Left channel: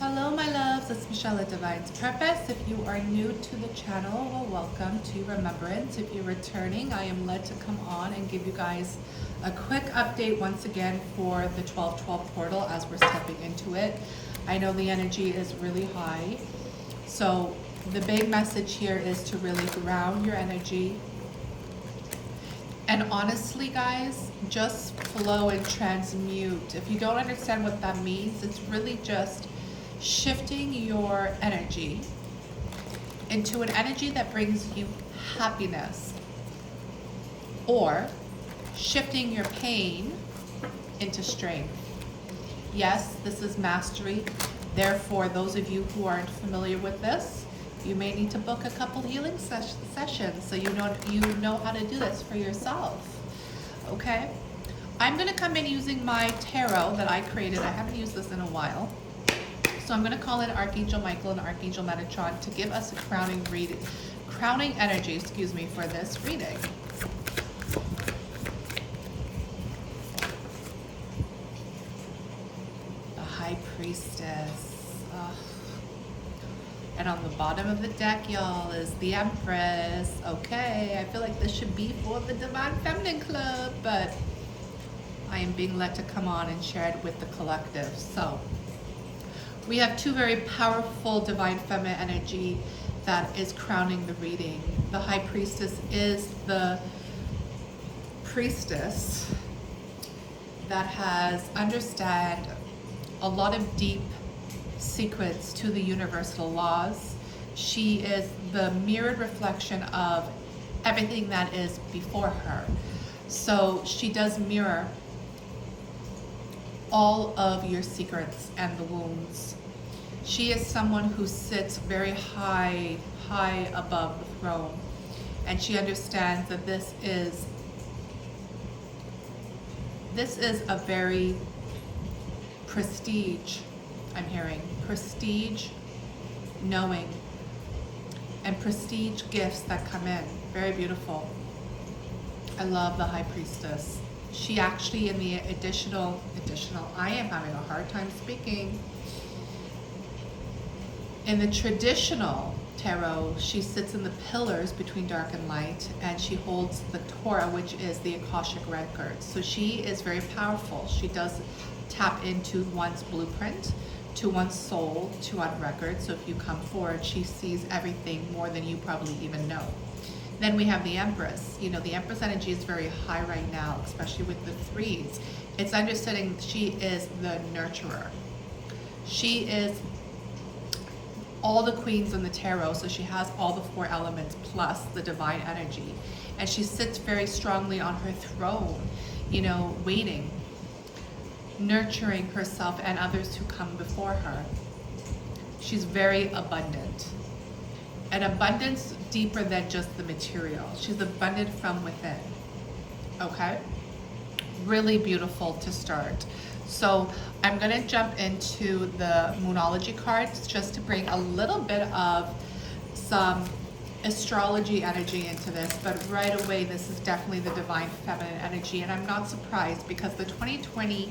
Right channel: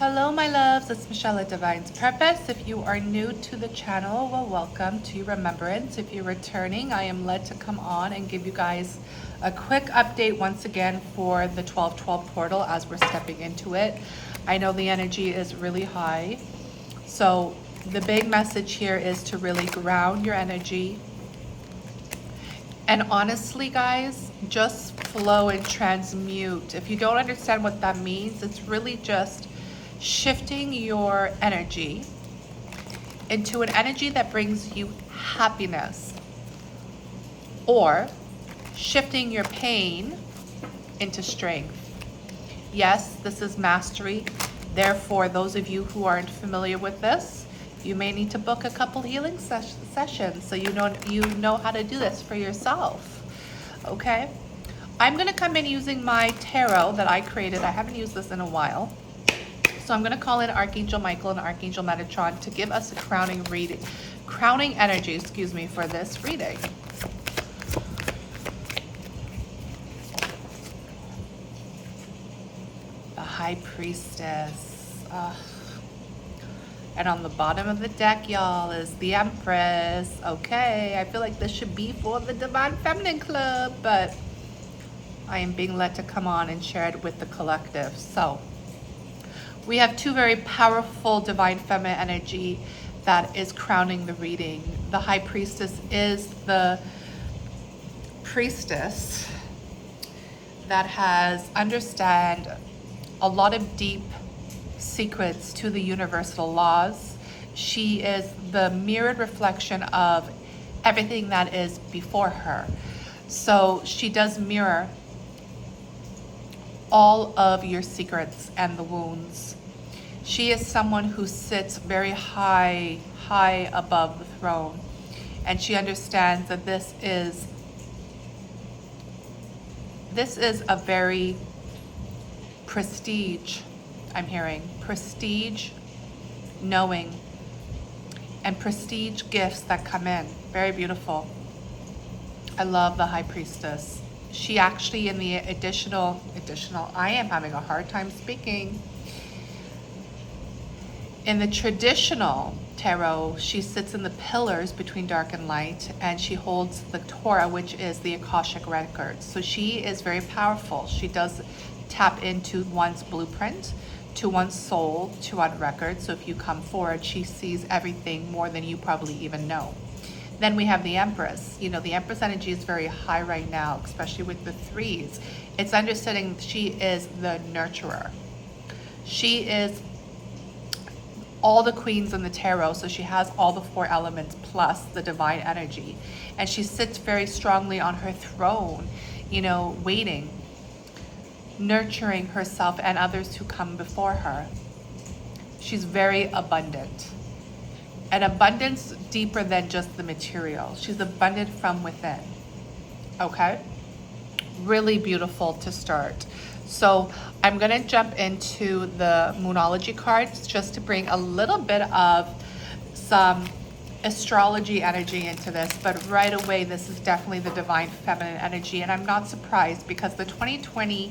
Hello my loves, it's Michelle at Divine's Purpose. If you are new to the channel, well, welcome to Remembrance. If you're returning, I am led to come on and give you guys a quick update once again for the 12/12 portal as we're stepping into it. I know the energy is really high, so the big message here is to really ground your energy. And honestly, guys, just flow and transmute. If you don't understand what that means, it's really just shifting your energy into an energy that brings you happiness, or shifting your pain into strength. Yes, this is mastery. Therefore, those of you who aren't familiar with this, you may need to book a couple healing sessions so you know how to do this for yourself. Okay? I'm going to come in using my tarot that I created. I haven't used this in a while. So I'm going to call in Archangel Michael and Archangel Metatron to give us a crowning energy, for this reading. The High Priestess. And on the bottom of the deck, y'all, is the Empress. Okay, I feel like this should be for the Divine Feminine Club, but I am being led to come on and share it with the collective. So we have two very powerful Divine Feminine energy that is crowning the reading. The High Priestess is the priestess that has understand a lot of deep secrets to the universal laws. She is the mirrored reflection of everything that is before her. So she does mirror all of your secrets and the wounds. She is someone who sits very high above the throne, and she understands that this is a very prestige, I'm hearing, prestige knowing and prestige gifts that come in. Very beautiful. I love the High Priestess. She actually, in the additional, I am having a hard time speaking. In the traditional tarot, she sits in the pillars between dark and light, and she holds the Torah, which is the Akashic records. So she is very powerful. She does tap into one's blueprint, to one's soul, to one record. So if you come forward, she sees everything more than you probably even know. Then we have the Empress. You know, the Empress energy is very high right now, especially with the threes. It's understanding she is the nurturer. She is all the queens in the tarot, so she has all the four elements plus the divine energy. And she sits very strongly on her throne, you know, waiting, nurturing herself and others who come before her. She's very abundant. An abundance deeper than just the material. She's abundant from within. Okay? Really beautiful to start. So I'm going to jump into the Moonology cards just to bring a little bit of some astrology energy into this. But right away, this is definitely the Divine Feminine energy. And I'm not surprised because the 2020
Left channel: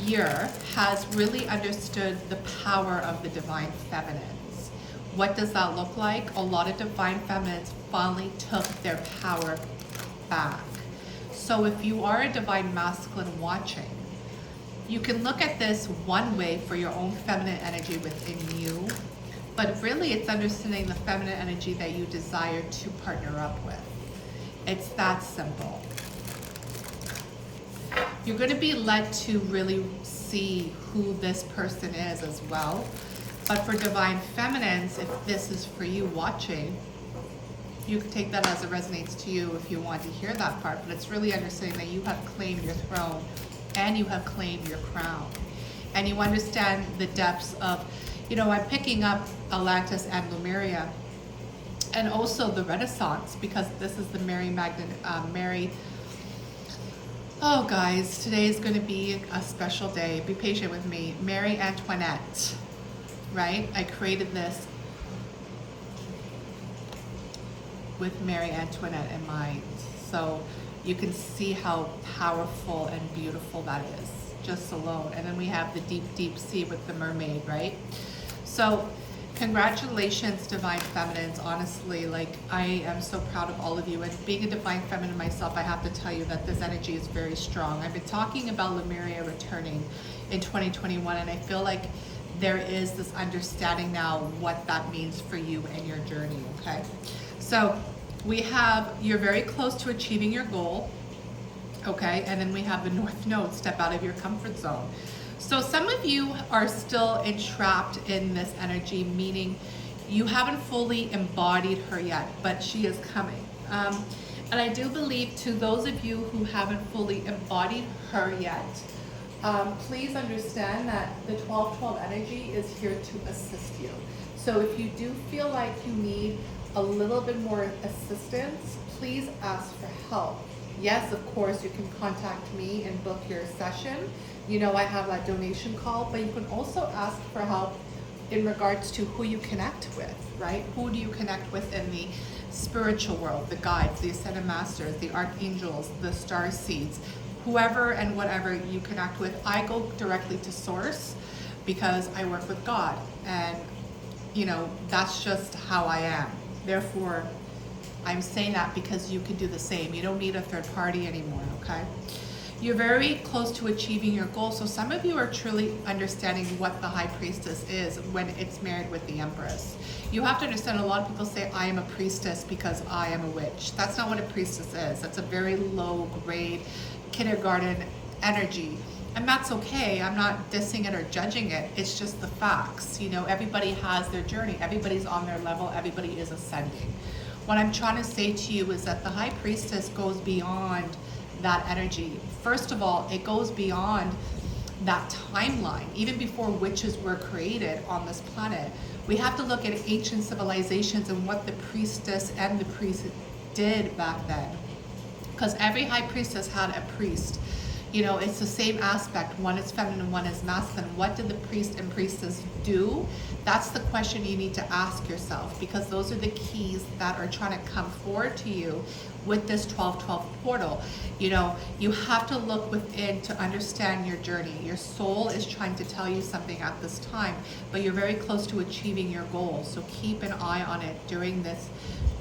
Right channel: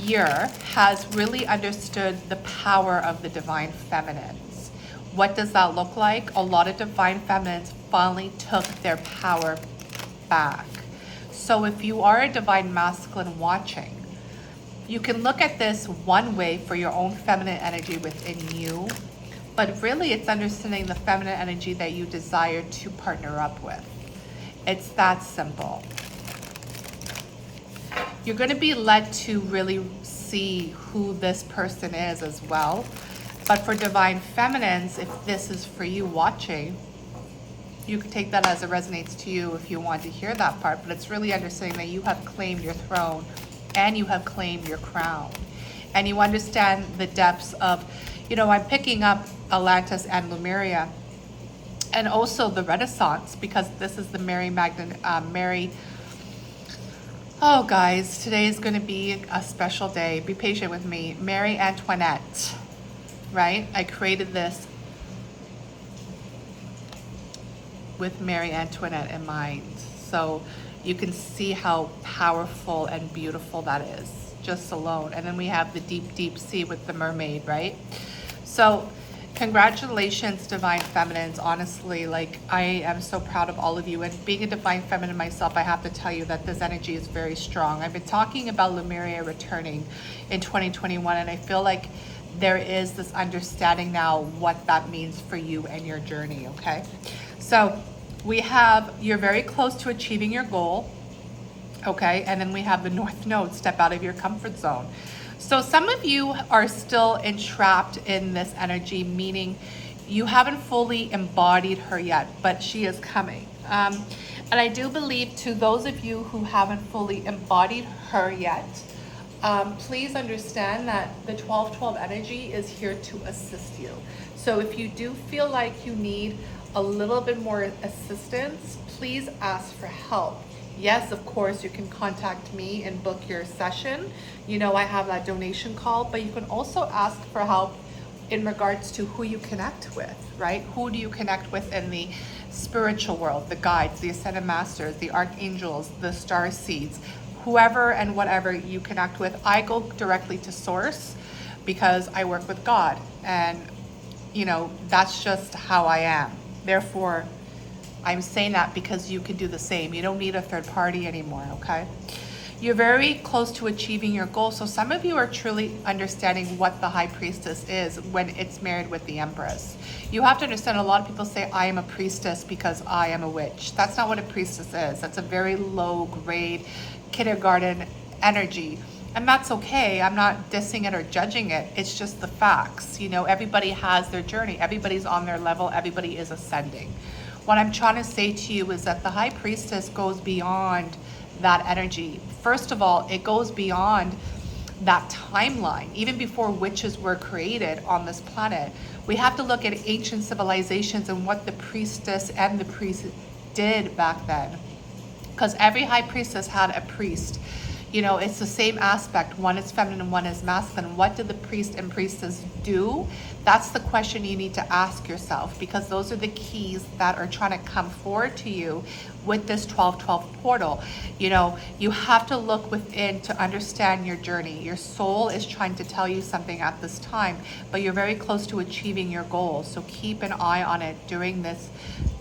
year has really understood the power of the Divine Feminines. What does that look like? A lot of Divine Feminines finally took their power back. So if you are a Divine Masculine watching, you can look at this one way for your own feminine energy within you, but really it's understanding the feminine energy that you desire to partner up with. It's that simple. You're going to be led to really see who this person is as well. But for Divine Feminines, if this is for you watching, you can take that as it resonates to you if you want to hear that part, but it's really understanding that you have claimed your throne and you have claimed your crown. And you understand the depths of, you know, I'm picking up Atlantis and Lemuria, and also the Renaissance, because this is the oh guys, today is going to be a special day. Be patient with me. Mary Antoinette, right? I created this with Mary Antoinette in mind. So you can see how powerful and beautiful that is. just alone. And then we have the deep, deep sea with the mermaid, right? So congratulations, Divine Feminines. Honestly, like, I am so proud of all of you. And being a Divine Feminine myself, I have to tell you that this energy is very strong. I've been talking about Lemuria returning in 2021, and I feel like there is this understanding now what that means for you and your journey, okay? So we have, you're very close to achieving your goal, okay? And then we have the North Node, step out of your comfort zone. So some of you are still entrapped in this energy, meaning you haven't fully embodied her yet, but she is coming. And I do believe, to those of you who haven't fully embodied her yet, please understand that the 1212 energy is here to assist you. So if you do feel like you need a little bit more assistance, please ask for help. Yes, of course, you can contact me and book your session. You know, I have that donation call, but you can also ask for help in regards to who you connect with, right? Who do you connect with in the spiritual world? The guides, the ascended masters, the archangels, the star seeds, whoever and whatever you connect with. I go directly to source because I work with God, and you know, that's just how I am. Therefore, I'm saying that because you can do the same. You don't need a third party anymore, okay? You're very close to achieving your goal. So some of you are truly understanding what the High Priestess is when it's married with the Empress. You have to understand, a lot of people say, I am a priestess because I am a witch. That's not what a priestess is. That's a very low grade kindergarten energy. And that's okay. I'm not dissing it or judging it. It's just the facts. You know, everybody has their journey. Everybody's on their level. Everybody is ascending. What I'm trying to say to you is that the High Priestess goes beyond that energy. First of all, it goes beyond that timeline. Even before witches were created on this planet, we have to look at ancient civilizations and what the priestess and the priest did back then. Because every High Priestess had a priest. You know, it's the same aspect. One is feminine, one is masculine. What did the priest and priestess do? That's the question you need to ask yourself, because those are the keys that are trying to come forward to you with this 1212 portal. You know, you have to look within to understand your journey. Your soul is trying to tell you something at this time, but you're very close to achieving your goals. So keep an eye on it during this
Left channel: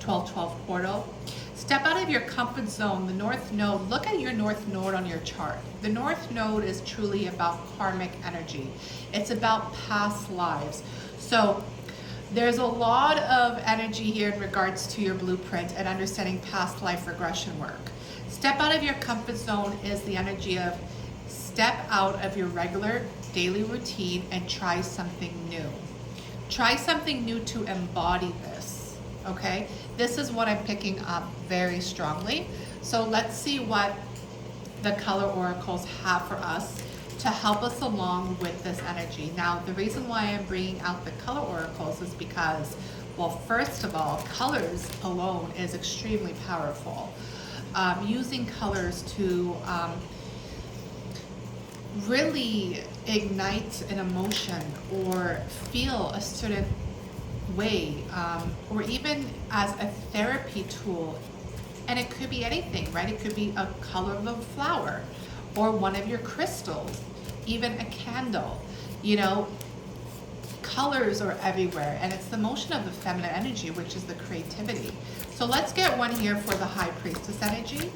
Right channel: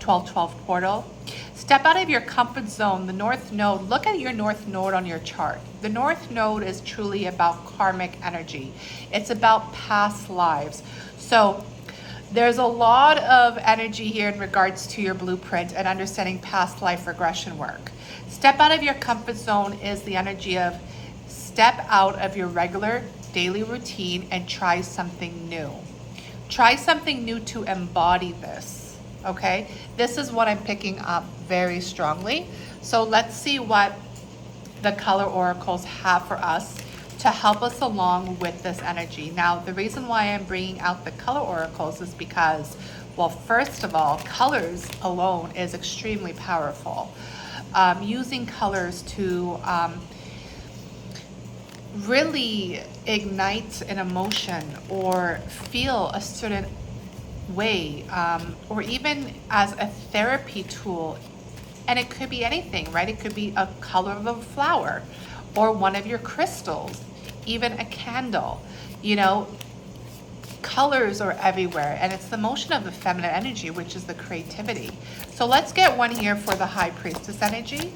1212 portal. Step out of your comfort zone. The North Node, look at your North Node on your chart. The North Node is truly about karmic energy. It's about past lives. So there's a lot of energy here in regards to your blueprint and understanding past life regression work. Step out of your comfort zone is the energy of step out of your regular daily routine and try something new. Try something new to embody this. Okay, this is what I'm picking up very strongly. So let's see what the color oracles have for us to help us along with this energy. Now, the reason why I'm bringing out the color oracles is because, well, first of all, colors alone is extremely powerful. Using colors to really ignite an emotion or feel a certain way, or even as a therapy tool. And it could be anything, right? It could be a color of a flower or one of your crystals, even a candle. You know, colors are everywhere, and it's the motion of the feminine energy, which is the creativity. So let's get one here for the High Priestess energy.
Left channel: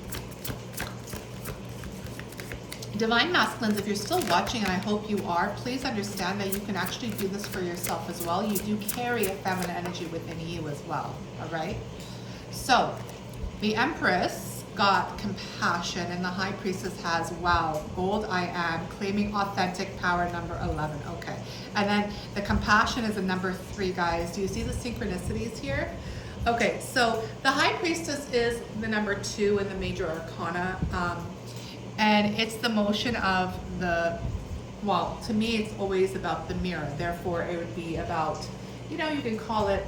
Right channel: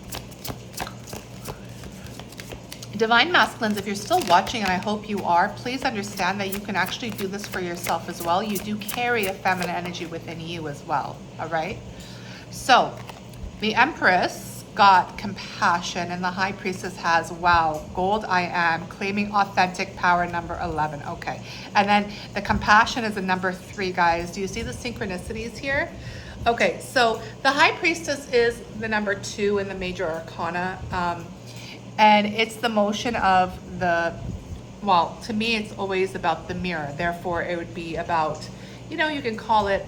Divine Masculines, if you're still watching, and I hope you are, please understand that you can actually do this for yourself as well. You do carry a feminine energy within you as well, all right? So the Empress got compassion, and the High Priestess has, wow, gold I am, claiming authentic power, number 11. Okay, and then the compassion is a number 3, guys. Do you see the synchronicities here? Okay, so the High Priestess is the number 2 in the major arcana. And it's the motion of the, well, to me, it's always about the mirror. Therefore, it would be about, you know, you can call it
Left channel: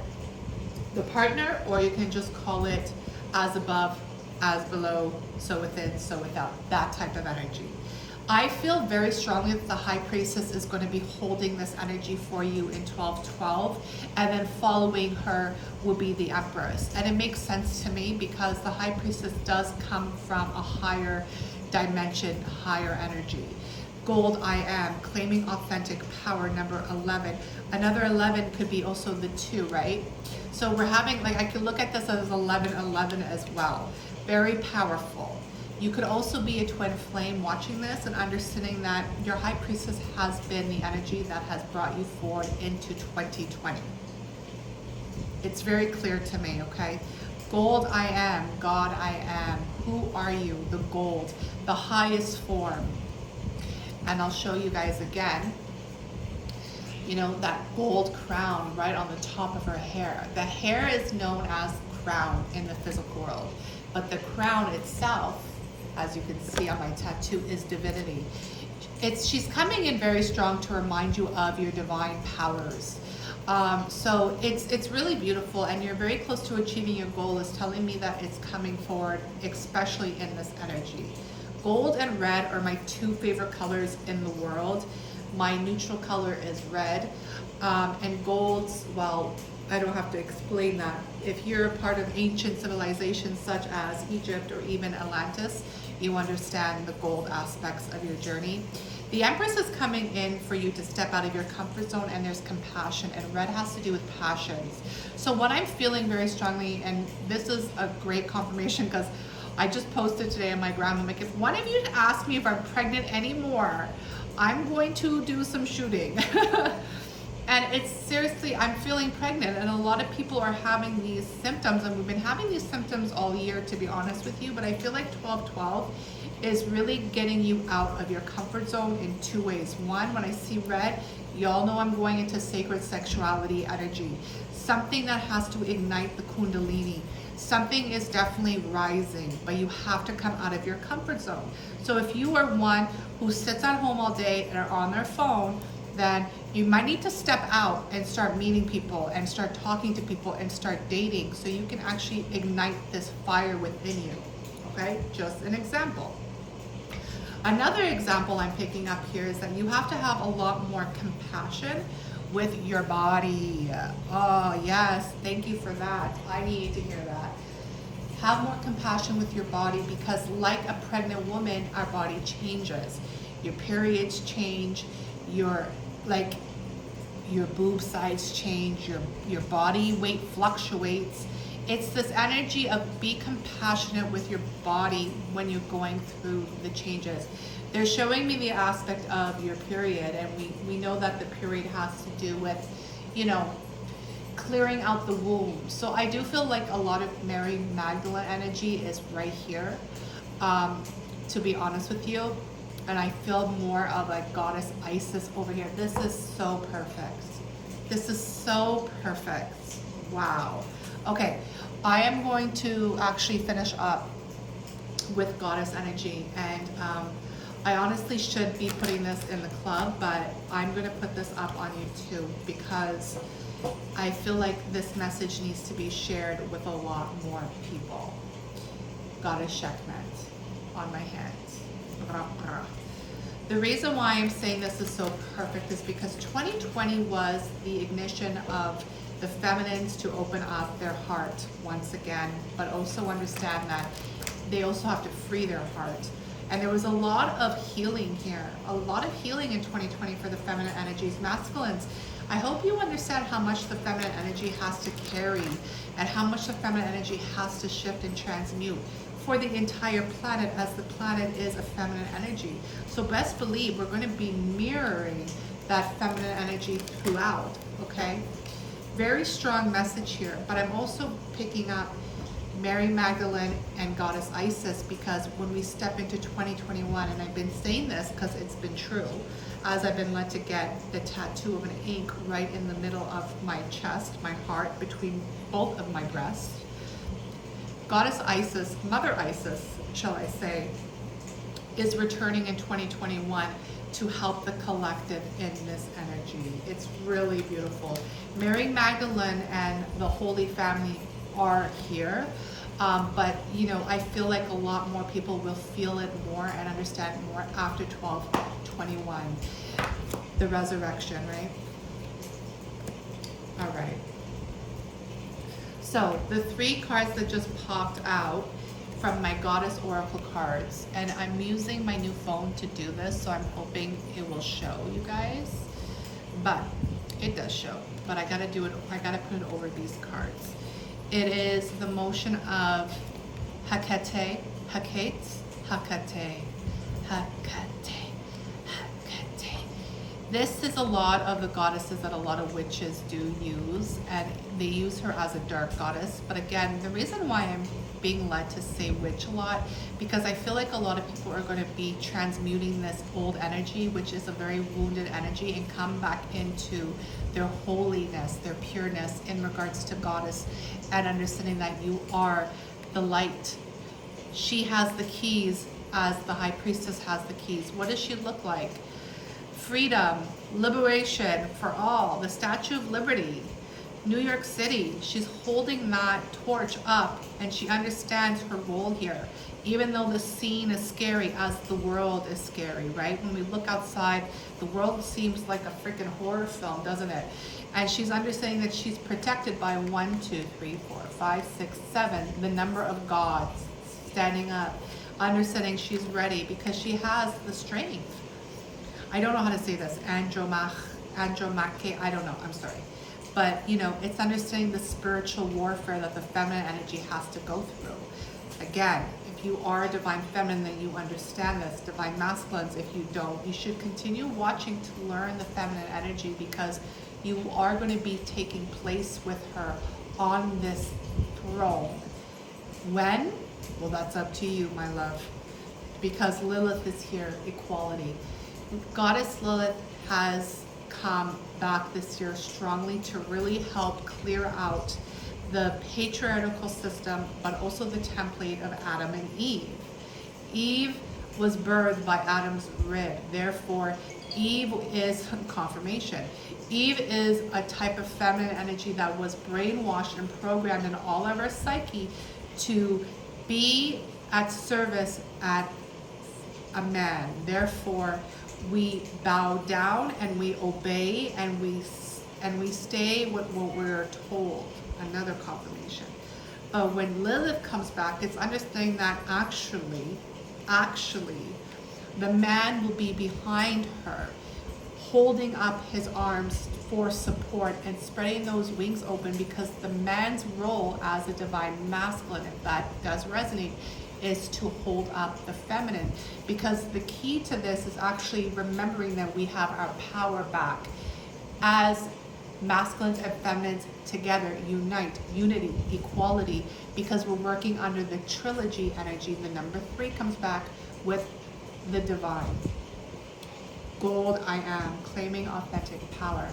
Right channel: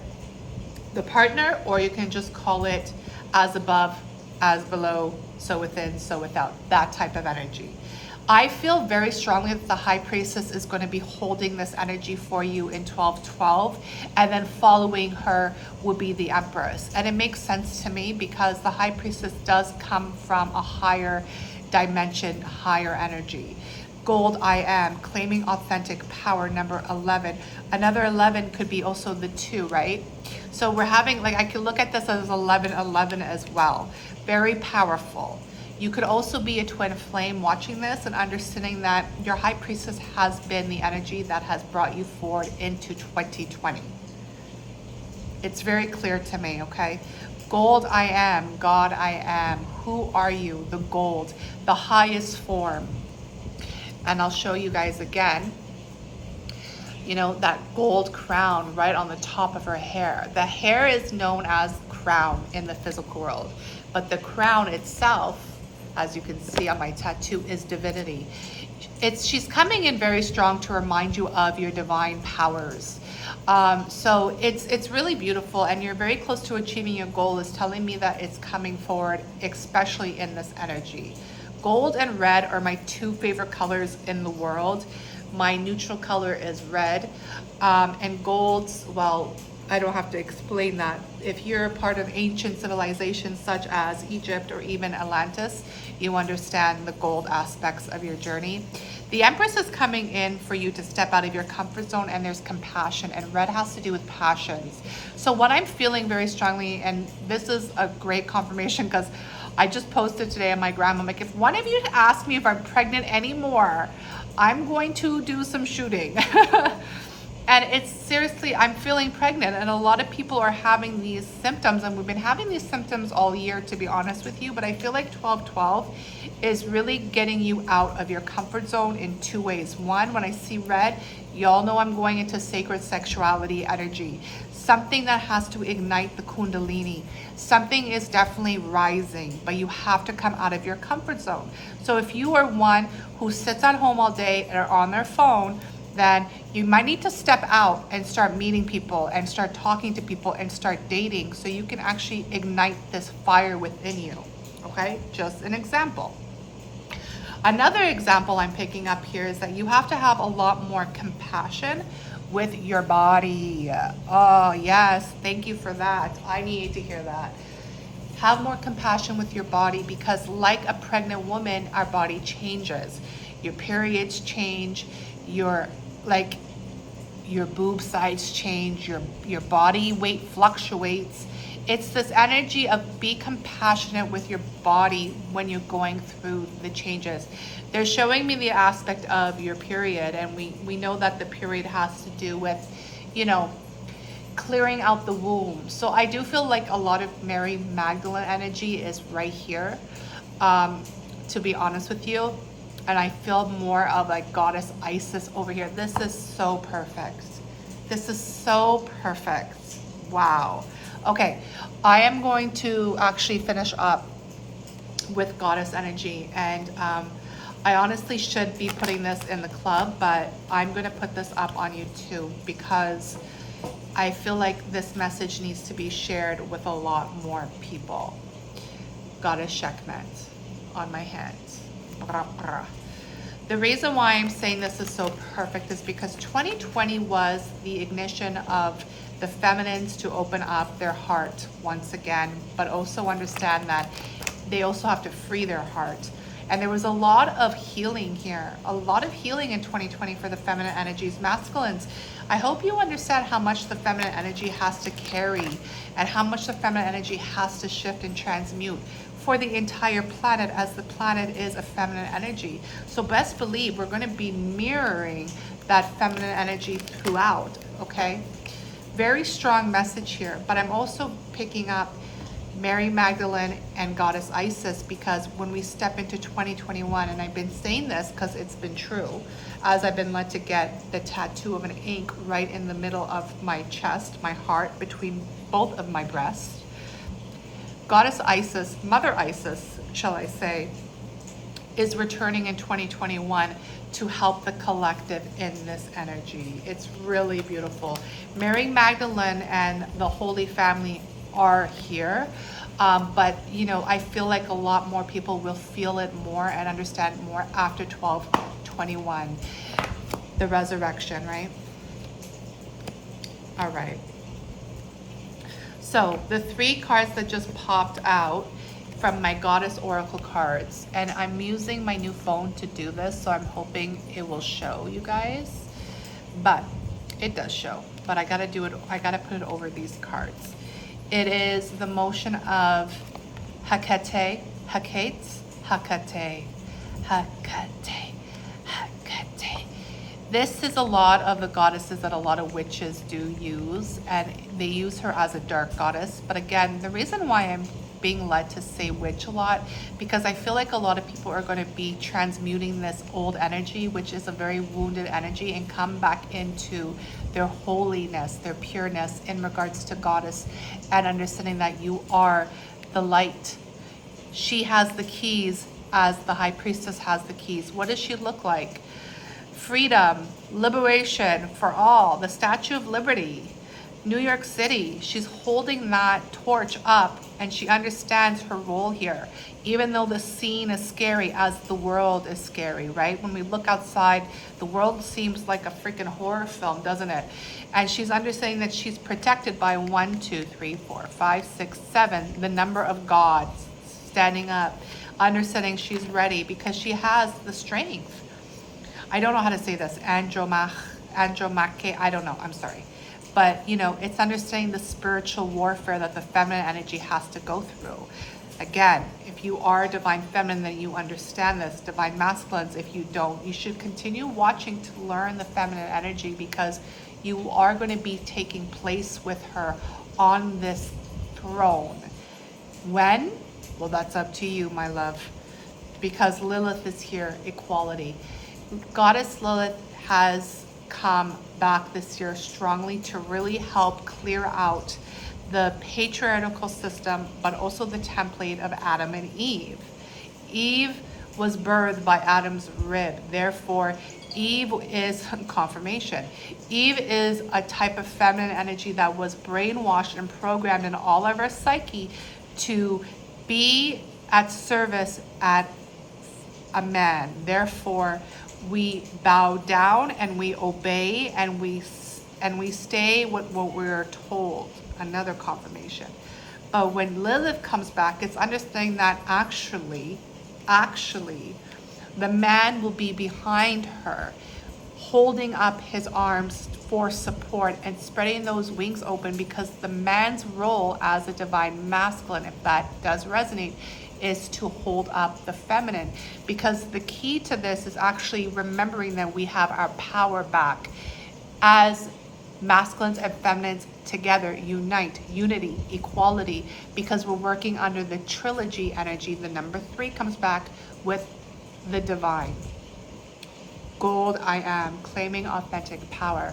the partner, or you can just call it as above, as below, so within, so without, that type of energy. I feel very strongly that the High Priestess is going to be holding this energy for you in 1212, and then following her will be the Empress. And it makes sense to me because the High Priestess does come from a higher dimension, higher energy. Gold, I am, claiming authentic power, number 11. Another 11 could be also the 2, right? So we're having, like, I could look at this as 11 as well. Very powerful. You could also be a twin flame watching this and understanding that your High Priestess has been the energy that has brought you forward into 2020. It's very clear to me, okay? Gold, I am. God, I am. Who are you? The gold, the highest form. And I'll show you guys again, you know, that gold crown right on the top of her hair. The hair is known as crown in the physical world, but the crown itself, as you can see on my tattoo, is divinity. She's coming in very strong to remind you of your divine powers. So it's really beautiful, and you're very close to achieving your goal. Is telling me that it's coming forward, especially in this energy. Gold and red are my 2 favorite colors in the world. My neutral color is red, and golds, well, I don't have to explain that. If you're a part of ancient civilizations such as Egypt or even Atlantis, you understand the gold aspects of your journey. The Empress is coming in for you to step out of your comfort zone, and there's compassion, and red has to do with passions. So what I'm feeling very strongly, and this is a great confirmation because I just posted today on my gram, I'm like, if one of you asks me if I'm pregnant anymore, I'm going to do some shooting. And it's seriously, I'm feeling pregnant, and a lot of people are having these symptoms, and we've been having these symptoms all year, to be honest with you, but I feel like 12/12 is really getting you out of your comfort zone in 2 ways. One, when I see red, y'all know I'm going into sacred sexuality energy, something that has to ignite the Kundalini. Something is definitely rising, but you have to come out of your comfort zone. So if you are one who sits at home all day or on their phone, then you might need to step out and start meeting people and start talking to people and start dating so you can actually ignite this fire within you. Okay, just an example. Another example I'm picking up here is that you have to have a lot more compassion with your body. Oh yes, thank you for that. I need to hear that. Have more compassion with your body, because like a pregnant woman, our body changes. Your periods change, your boob size change, your body weight fluctuates. It's this energy of be compassionate with your body when you're going through the changes. They're showing me the aspect of your period, and we know that the period has to do with, you know, clearing out the womb. So I do feel like a lot of Mary Magdalene energy is right here, to be honest with you. And I feel more of like Goddess Isis over here. This is so perfect. This is so perfect. Wow. Okay, I am going to actually finish up with Goddess energy, and I honestly should be putting this in the club, but I'm gonna put this up on YouTube because I feel like this message needs to be shared with a lot more people. Goddess Sekhmet on my hands. The reason why I'm saying this is so perfect is because 2020 was the ignition of the feminines to open up their heart once again, but also understand that they also have to free their heart. And there was a lot of healing here, a lot of healing in 2020 for the feminine energies. Masculines, I hope you understand how much the feminine energy has to carry and how much the feminine energy has to shift and transmute for the entire planet, as the planet is a feminine energy. So best believe we're going to be mirroring that feminine energy throughout, okay? Very strong message here, but I'm also picking up Mary Magdalene and Goddess Isis, because when we step into 2021, and I've been saying this because it's been true, as I've been led to get the tattoo of an ink right in the middle of my chest, my heart, between both of my breasts. Goddess Isis, Mother Isis, shall I say, is returning in 2021 to help the collective in this energy. It's really beautiful. Mary Magdalene and the Holy Family are here, but you know, I feel like a lot more people will feel it more and understand more after 12/21, the resurrection, right? All right. So the 3 cards that just popped out from my Goddess Oracle cards. And I'm using my new phone to do this, so I'm hoping it will show you guys. But it does show. But I gotta do it, I gotta put it over these cards. It is the motion of Hecate, Hecate, Hecate, Hecate, Hecate. This is a lot of the goddesses that a lot of witches do use, and they use her as a dark goddess. But again, the reason why I'm being led to say witch a lot, because I feel like a lot of people are going to be transmuting this old energy, which is a very wounded energy, and come back into their holiness, their pureness in regards to goddess, and understanding that you are the light. She has the keys, as the High Priestess has the keys. What does she look like? Freedom, liberation for all, the Statue of Liberty, New York City. She's holding that torch up, and she understands her role here. Even though the scene is scary, as the world is scary, right? When we look outside, the world seems like a freaking horror film, doesn't it? And she's understanding that she's protected by 1, 2, 3, 4, 5, 6, 7, the number of gods standing up, understanding she's ready because she has the strength. I don't know how to say this, Andromake, I don't know, I'm sorry. But, you know, it's understanding the spiritual warfare that the feminine energy has to go through. Again, if you are a divine feminine, then you understand this. Divine masculines, if you don't, you should continue watching to learn the feminine energy, because you are going to be taking place with her on this throne. When? Well, that's up to you, my love, because Lilith is here, equality. Goddess Lilith has come back this year strongly to really help clear out the patriarchal system, but also the template of Adam and Eve. Eve was birthed by Adam's rib. Therefore, Eve is confirmation. Eve is a type of feminine energy that was brainwashed and programmed in all of our psyche to be at service at a man. Therefore, we bow down and we obey, and we stay with what we're told. Another confirmation. But when Lilith comes back, it's understanding that actually, the man will be behind her, holding up his arms for support and spreading those wings open, because the man's role as a divine masculine, if that does resonate, is to hold up the feminine. Because the key to this is actually remembering that we have our power back as masculines and feminines together, unite, unity, equality, because we're working under the trilogy energy. The number 3 comes back with the divine. Gold, I am, claiming authentic power.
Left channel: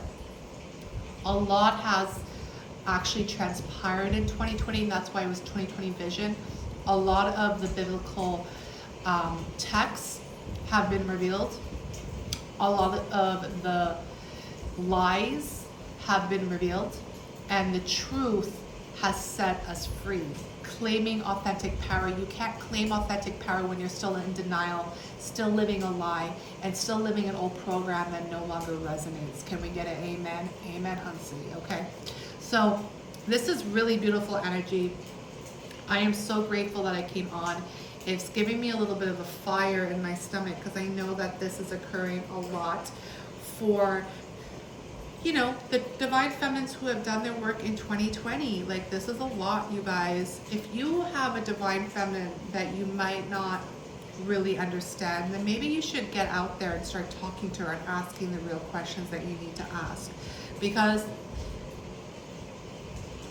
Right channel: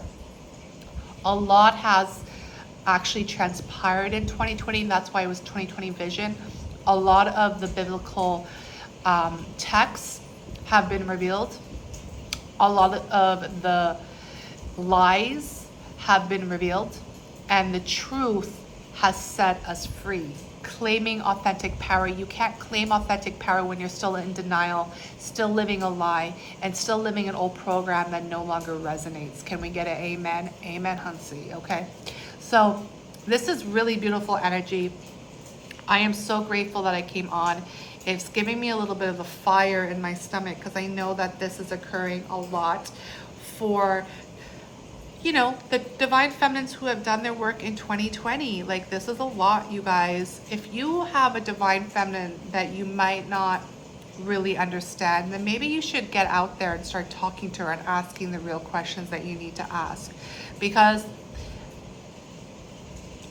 A lot has actually transpired in 2020, and that's why it was 2020 vision. A lot of the biblical texts have been revealed. A lot of the lies have been revealed, and the truth has set us free. Claiming authentic power. You can't claim authentic power when you're still in denial, still living a lie, and still living an old program that no longer resonates. Can we get an amen? Amen, Huntsy, okay? So this is really beautiful energy. I am so grateful that I came on. It's giving me a little bit of the fire in my stomach, because I know that this is occurring a lot for, you know, the divine feminines who have done their work in 2020. Like, this is a lot, you guys. If you have a divine feminine that you might not really understand, then maybe you should get out there and start talking to her and asking the real questions that you need to ask. Because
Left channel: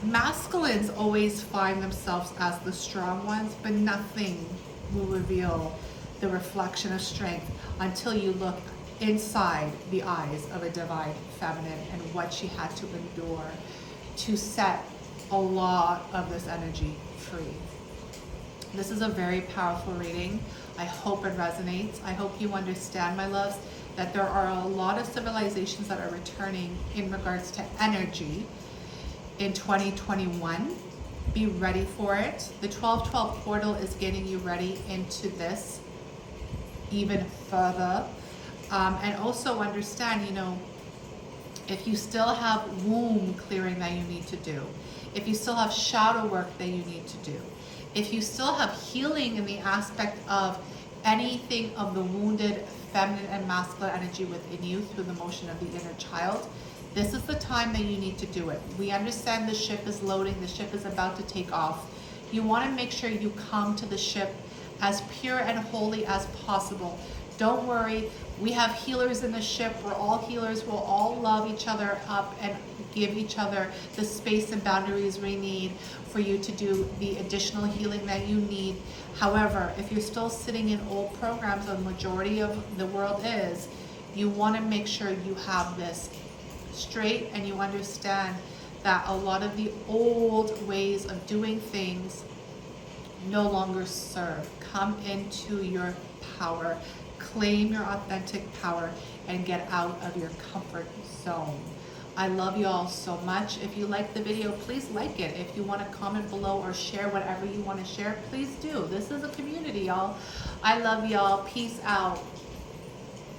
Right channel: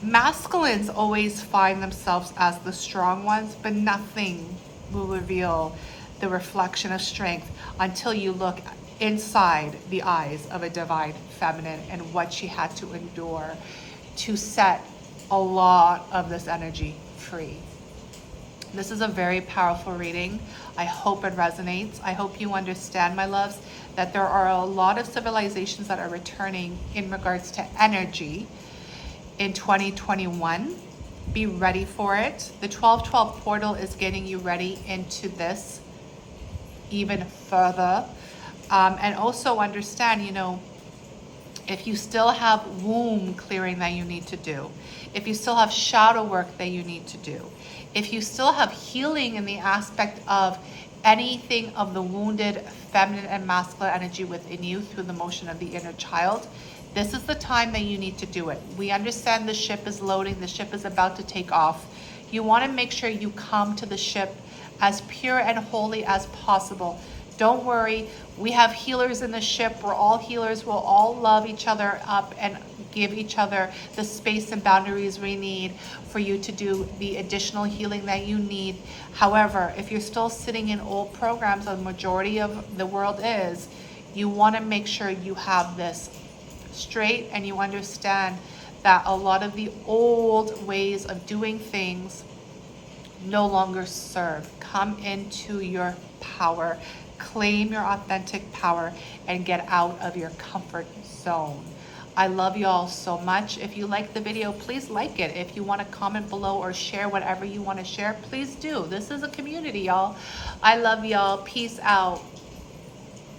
masculines always find themselves as the strong ones, but nothing will reveal the reflection of strength until you look inside the eyes of a divine feminine and what she had to endure to set a lot of this energy free. This is a very powerful reading. I hope it resonates. I hope you understand, my loves, that there are a lot of civilizations that are returning in regards to energy in 2021. Be ready for it. The 1212 portal is getting you ready into this even further. And also understand, you know, If you still have womb clearing that you need to do, if you still have shadow work that you need to do, if you still have healing in the aspect of anything of the wounded feminine and masculine energy within you through the motion of the inner child, this is the time that you need to do it. We understand the ship is loading, the ship is about to take off. You want to make sure you come to the ship as pure and holy as possible. Don't worry, we have healers in the ship. We're all healers. We'll all love each other up and give each other the space and boundaries we need for you to do the additional healing that you need. However, if you're still sitting in old programs, the majority of the world is, you want to make sure you have this straight and you understand that a lot of the old ways of doing things no longer serve. Come into your power, claim your authentic power, and get out of your comfort zone. I love you all so much. If you like the video, please like it. If you want to comment below or share whatever you want to share, please do. This is a community, y'all. I love y'all. Peace out.